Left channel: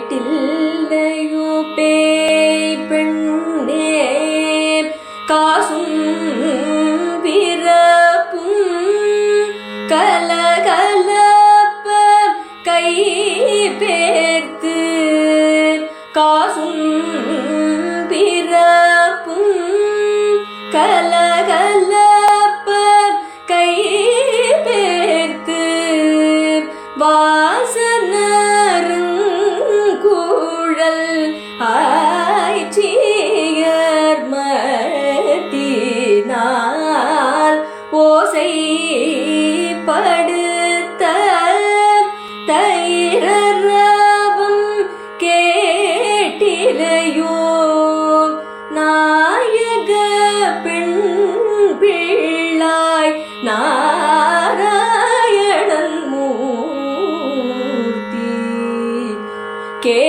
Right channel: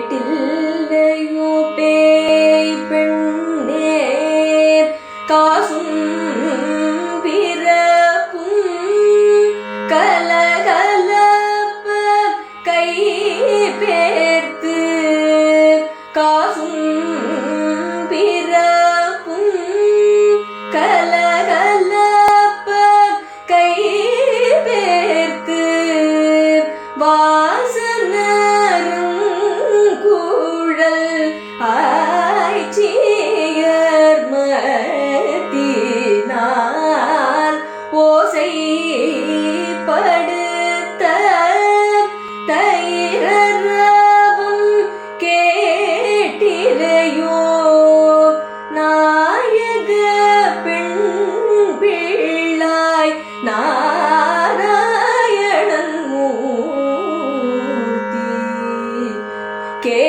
கேட்டில்லையோ பேய் பெண்ணே காசும் பிறப்பும் கலகலப்ப கை பேர்த்து காசும் பிறப்பும் கலகலப்ப கை பேர்த்து வாசனருங்குழல் ஆய்ச்சியர் மத்தினால் ஓசை படுத்த தயிரவும் கேட்டிலையோ நாயக பெண் பிள்ளாய் நாராயணன் மூர்த்தி கே